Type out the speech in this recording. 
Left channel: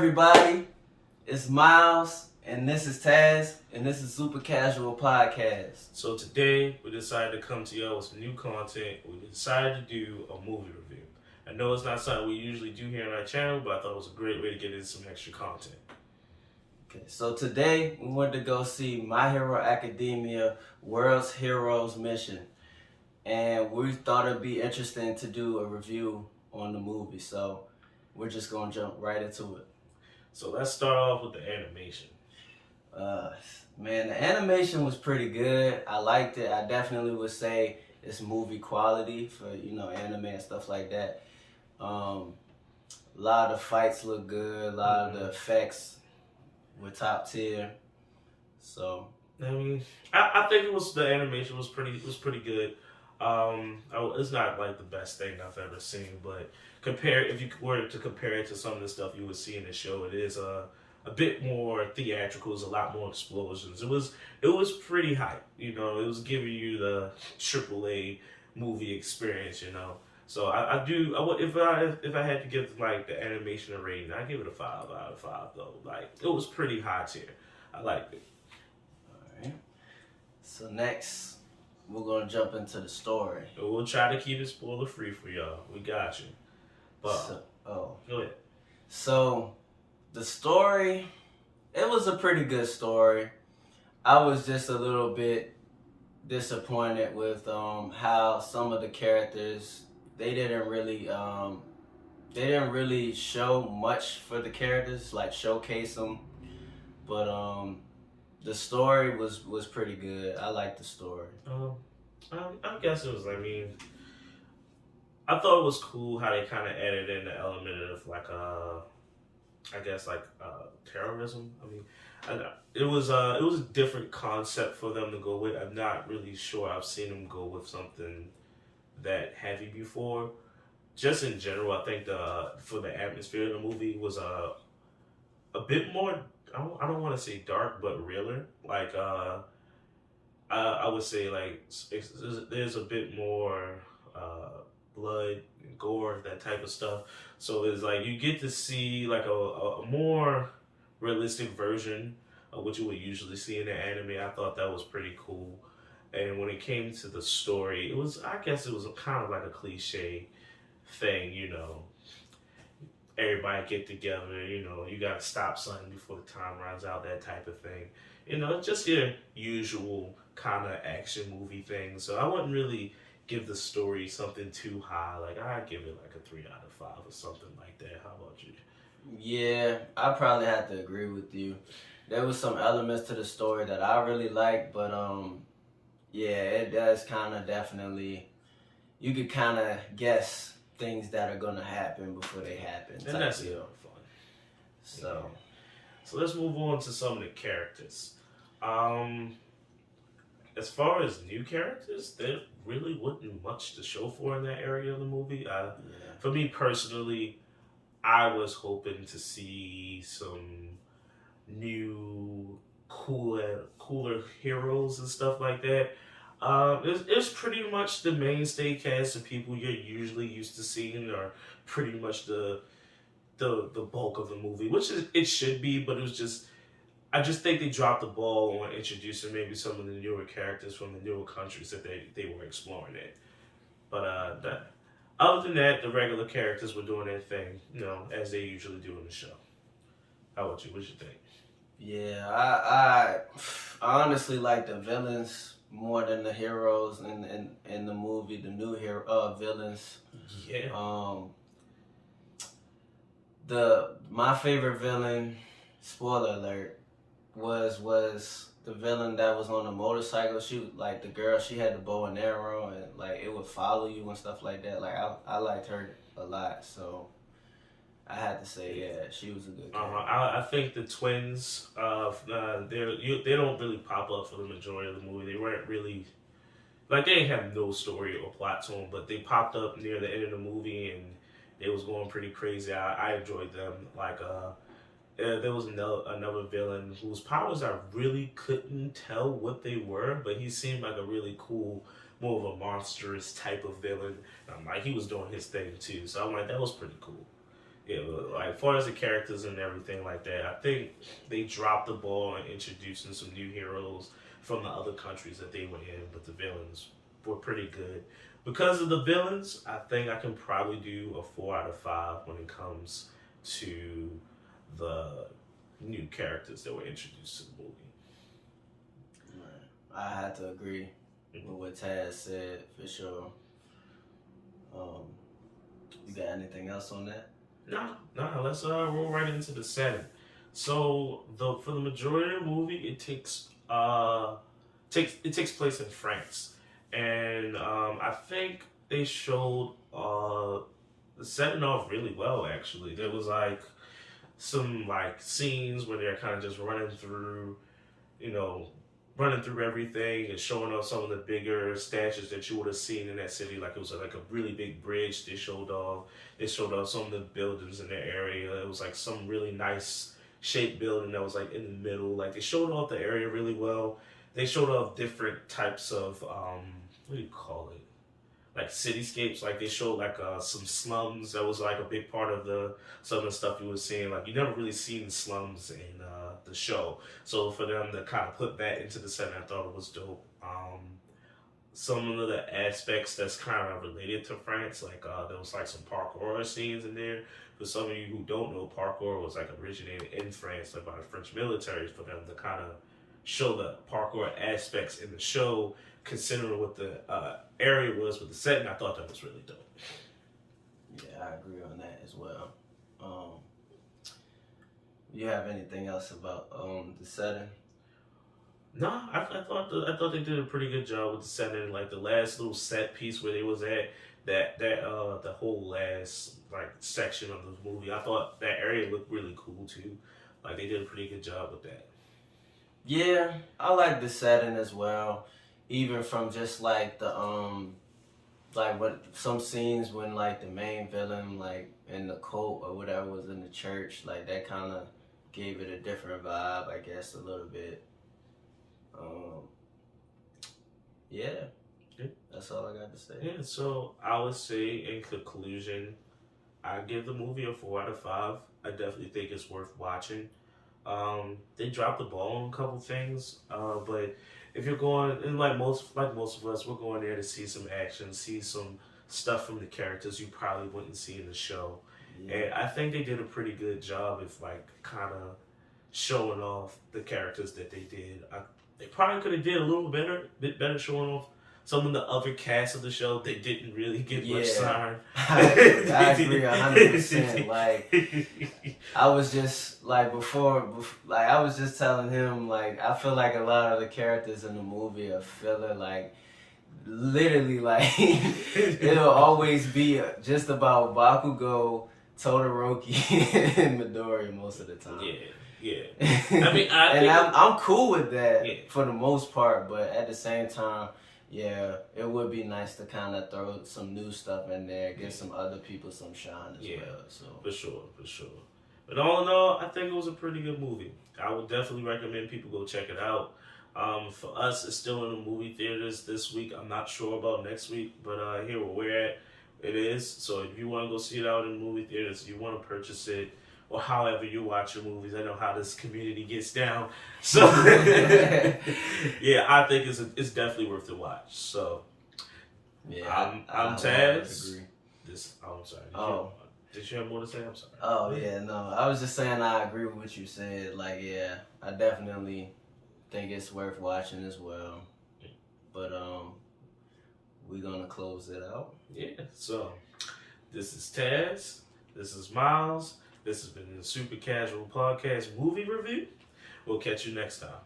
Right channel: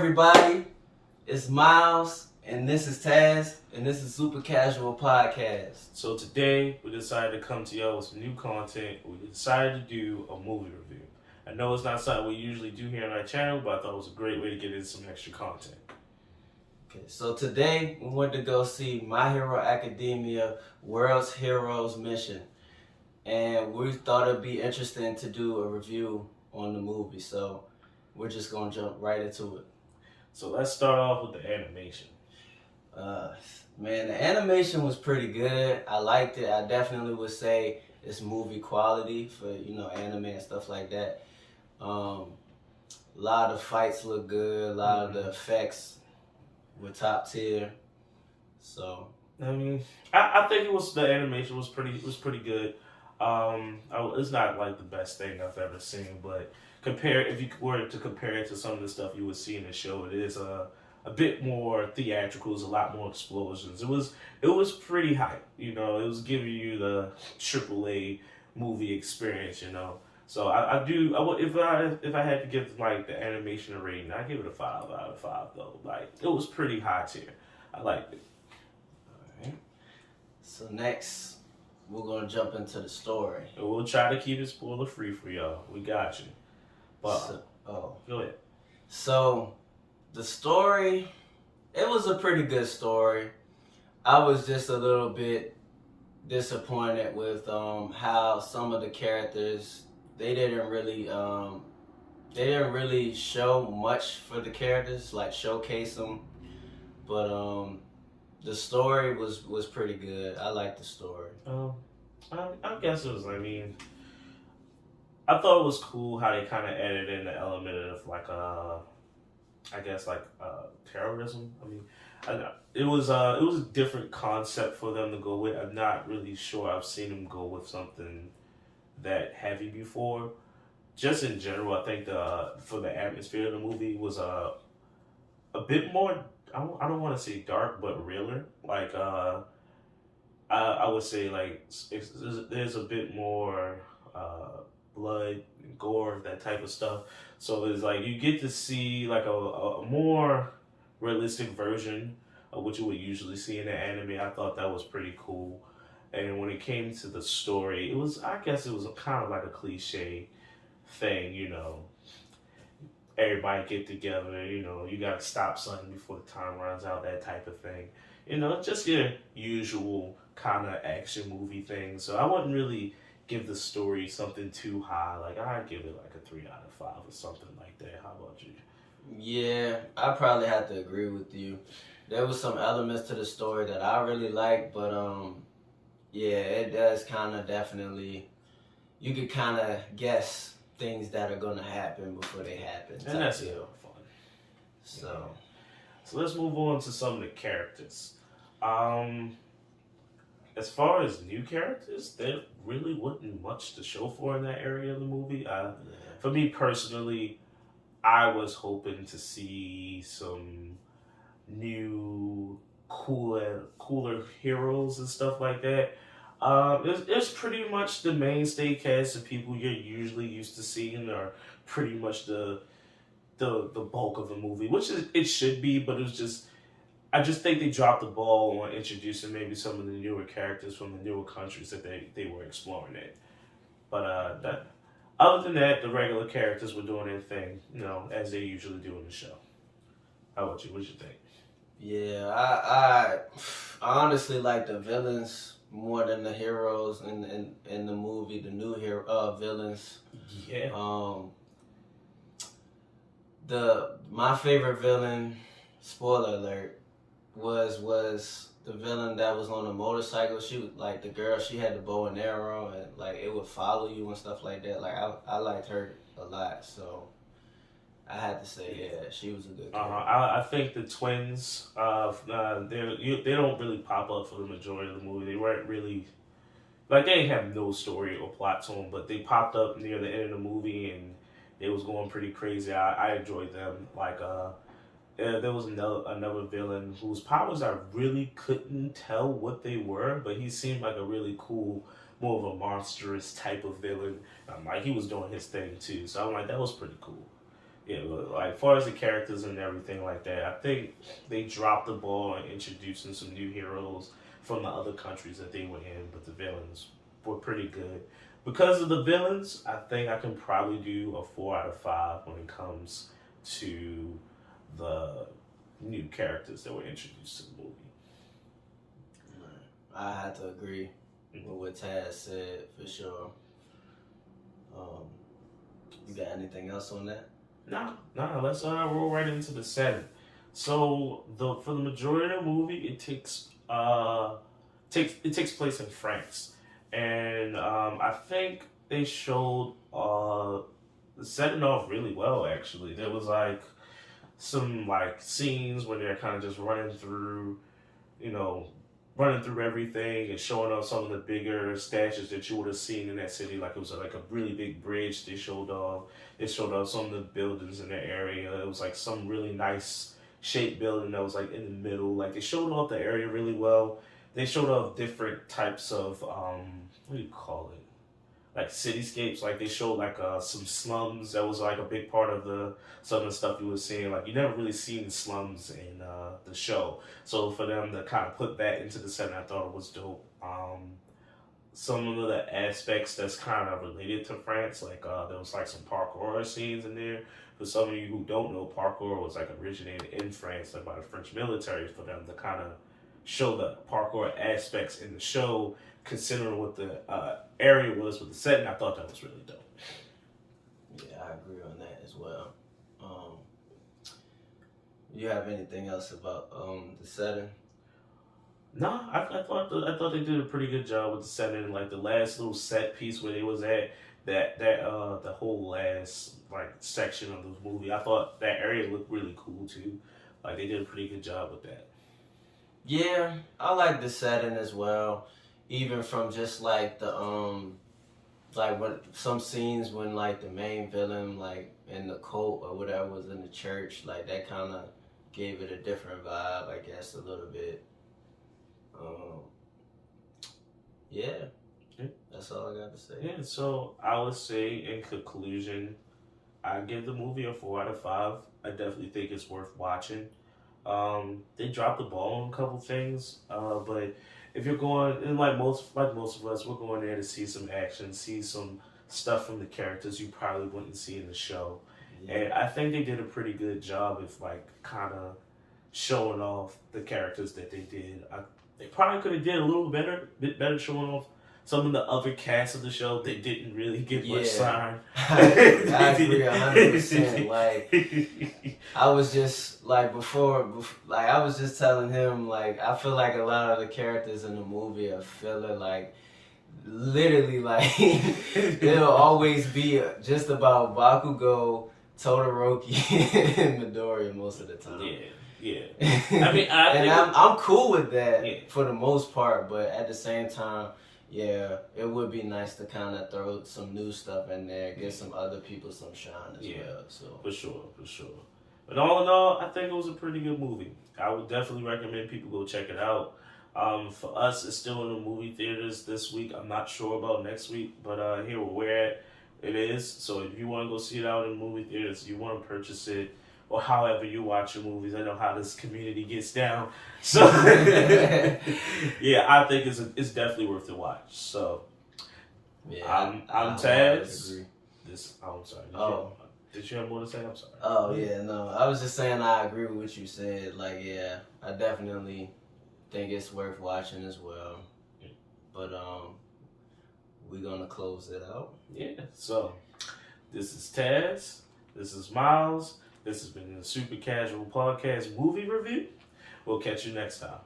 everybody? It's Miles, and this is Taz, and this is Super Casual Podcast. So today, we decided to come to y'all with some new content. We decided to do a movie review. I know it's not something we usually do here on our channel, but I thought it was a great way to get in some extra content. Okay, so today we went to go see My Hero Academia World's Heroes Mission, and we thought it'd be interesting to do a review on the movie, so we're just gonna jump right into it. So let's start off with the animation. Man, the animation was pretty good. I liked it. I definitely would say it's movie quality for, anime and stuff like that. A lot of the fights look good. A lot of the effects were top tier. So I think the animation was pretty good. It's not like the best thing I've ever seen, but if you were to compare it to some of the stuff you would see in the show, it is a bit more theatrical. There's a lot more explosions. It was pretty hype. It was giving you the AAA movie experience. So if I had to give like the animation a rating, I'd give it a 5 out of 5 though. Like it was pretty high tier. I liked it. All right. So next, we're gonna jump into the story. We'll try to keep it spoiler free for y'all. We got you. But go ahead. So the story, it was a pretty good story. I was just a little bit disappointed with how some of the characters they didn't really show much for the characters, like showcase them. But the story was pretty good. I liked the story. I guess it was. I thought it was cool how they kind of added in the element of terrorism. It was a different concept for them to go with. I'm not really sure I've seen them go with something that heavy before. Just in general, I think for the atmosphere of the movie was a bit more. I don't want to say dark, but realer. I would say there's a bit more blood and gore, that type of stuff. So it's like you get to see like a more realistic version of what you would usually see in an anime. I thought that was pretty cool. And when it came to the story, I guess it was kind of like a cliche thing, everybody get together, you gotta stop something before the time runs out, that type of thing. Just your usual kind of action movie thing. So I wouldn't really give the story something too high. Like I'd give it like a 3 out of 5 or something like that. How about you? Yeah, I probably have to agree with you. There was some elements to the story that I really liked, but it does kind of definitely, you could kind of guess things that are gonna happen before they happen. And that's a lot of fun. So let's move on to some of the characters. As far as new characters, there really wasn't much to show for in that area of the movie. For me personally, I was hoping to see some new, cooler heroes and stuff like that. It's pretty much the mainstay cast of people you're usually used to seeing are pretty much the bulk of the movie, which it should be, but I just think they dropped the ball on introducing maybe some of the newer characters from the newer countries that they were exploring in. But other than that, the regular characters were doing their thing, as they usually do in the show. How about you? What you think? Yeah, I honestly like the villains more than the heroes in the movie. The new villains. Yeah. My favorite villain, spoiler alert, was the villain that was on the motorcycle. She was like the girl. She had the bow and arrow, and like it would follow you and stuff like that. Like I liked her a lot, so I had to say she was a good character. I think the twins, they don't really pop up for the majority of the movie. They weren't really they didn't have no story or plot to them, but they popped up near the end of the movie and they was going pretty crazy. I enjoyed them. There was another villain whose powers I really couldn't tell what they were, but he seemed like a really cool, more of a monstrous type of villain. He was doing his thing too, so I'm like, that was pretty cool. Yeah, but like far as the characters and everything like that, I think they dropped the ball in introducing some new heroes from the other countries that they were in, but the villains were pretty good. Because of the villains, I think I can probably do a 4 out of 5 when it comes to the new characters that were introduced to the movie. I had to agree with what Taz said for sure. You got anything else on that? Nah. Let's roll right into the setting. So for the majority of the movie, it takes place in France, and I think they showed the setting off really well. Actually, there was like some like scenes where they're kind of just running through everything and showing off some of the bigger statues that you would have seen in that city. Like it was like a really big bridge. They showed off some of the buildings in the area. It was like some really nice shaped building that was like in the middle. Like they showed off the area really well. They showed off different types of what do you call it? Like cityscapes. Like they showed like some slums. That was like a big part of some of the stuff you were seeing. Like you never really seen the slums in the show. So for them to kind of put that into the setting, I thought it was dope. Some of the aspects that's kind of related to France, like there was like some parkour scenes in there. For some of you who don't know, parkour was like originated in France, like by the French military, for them to kind of show the parkour aspects in the show, considering what the area was with the setting. I thought that was really dope. Yeah, I agree on that as well. You have anything else about the setting? No, I thought they did a pretty good job with the setting. Like the last little set piece where they was at, the whole last like section of the movie, I thought that area looked really cool too. Like they did a pretty good job with that. Yeah, I like the setting as well. Even from just like the like when some scenes when like the main villain like in the cult or whatever was in the church, like that kind of gave it a different vibe, I guess, a little bit. Yeah, that's all I got to say. Yeah, so I would say in conclusion, I give the movie a 4 out of 5. I definitely think it's worth watching. They dropped the ball on a couple things, but if you're going, and like most of us, we're going there to see some action, see some stuff from the characters you probably wouldn't see in the show. Yeah. And I think they did a pretty good job of like kind of showing off the characters that they did. They probably could have did a little bit better showing off some of the other cast of the show that didn't really get much sign. I agree 100%. Like, I was just like before, like I was just telling him, like I feel like a lot of the characters in the movie are filler. Like, literally, like it'll always be just about Bakugo, Todoroki, and Midori most of the time. Yeah. I mean, I'm cool with that for the most part, but at the same time, yeah, it would be nice to kind of throw some new stuff in there, give some other people some shine as well. So for sure. But all in all, I think it was a pretty good movie. I would definitely recommend people go check it out. For us, it's still in the movie theaters this week. I'm not sure about next week, but here where we're at, it is. So if you want to go see it out in movie theaters, if you want to purchase it, or however you watch your movies. I know how this community gets down. So, yeah, I think it's definitely worth the watch. So, yeah, I'm Taz. I'm sorry. Did you have more to say? I'm sorry. Oh, yeah, no. I was just saying I agree with what you said. Like, yeah, I definitely think it's worth watching as well. But, we're going to close it out. Yeah, so this is Taz. This is Miles. This has been the Super Casual Podcast movie review. We'll catch you next time.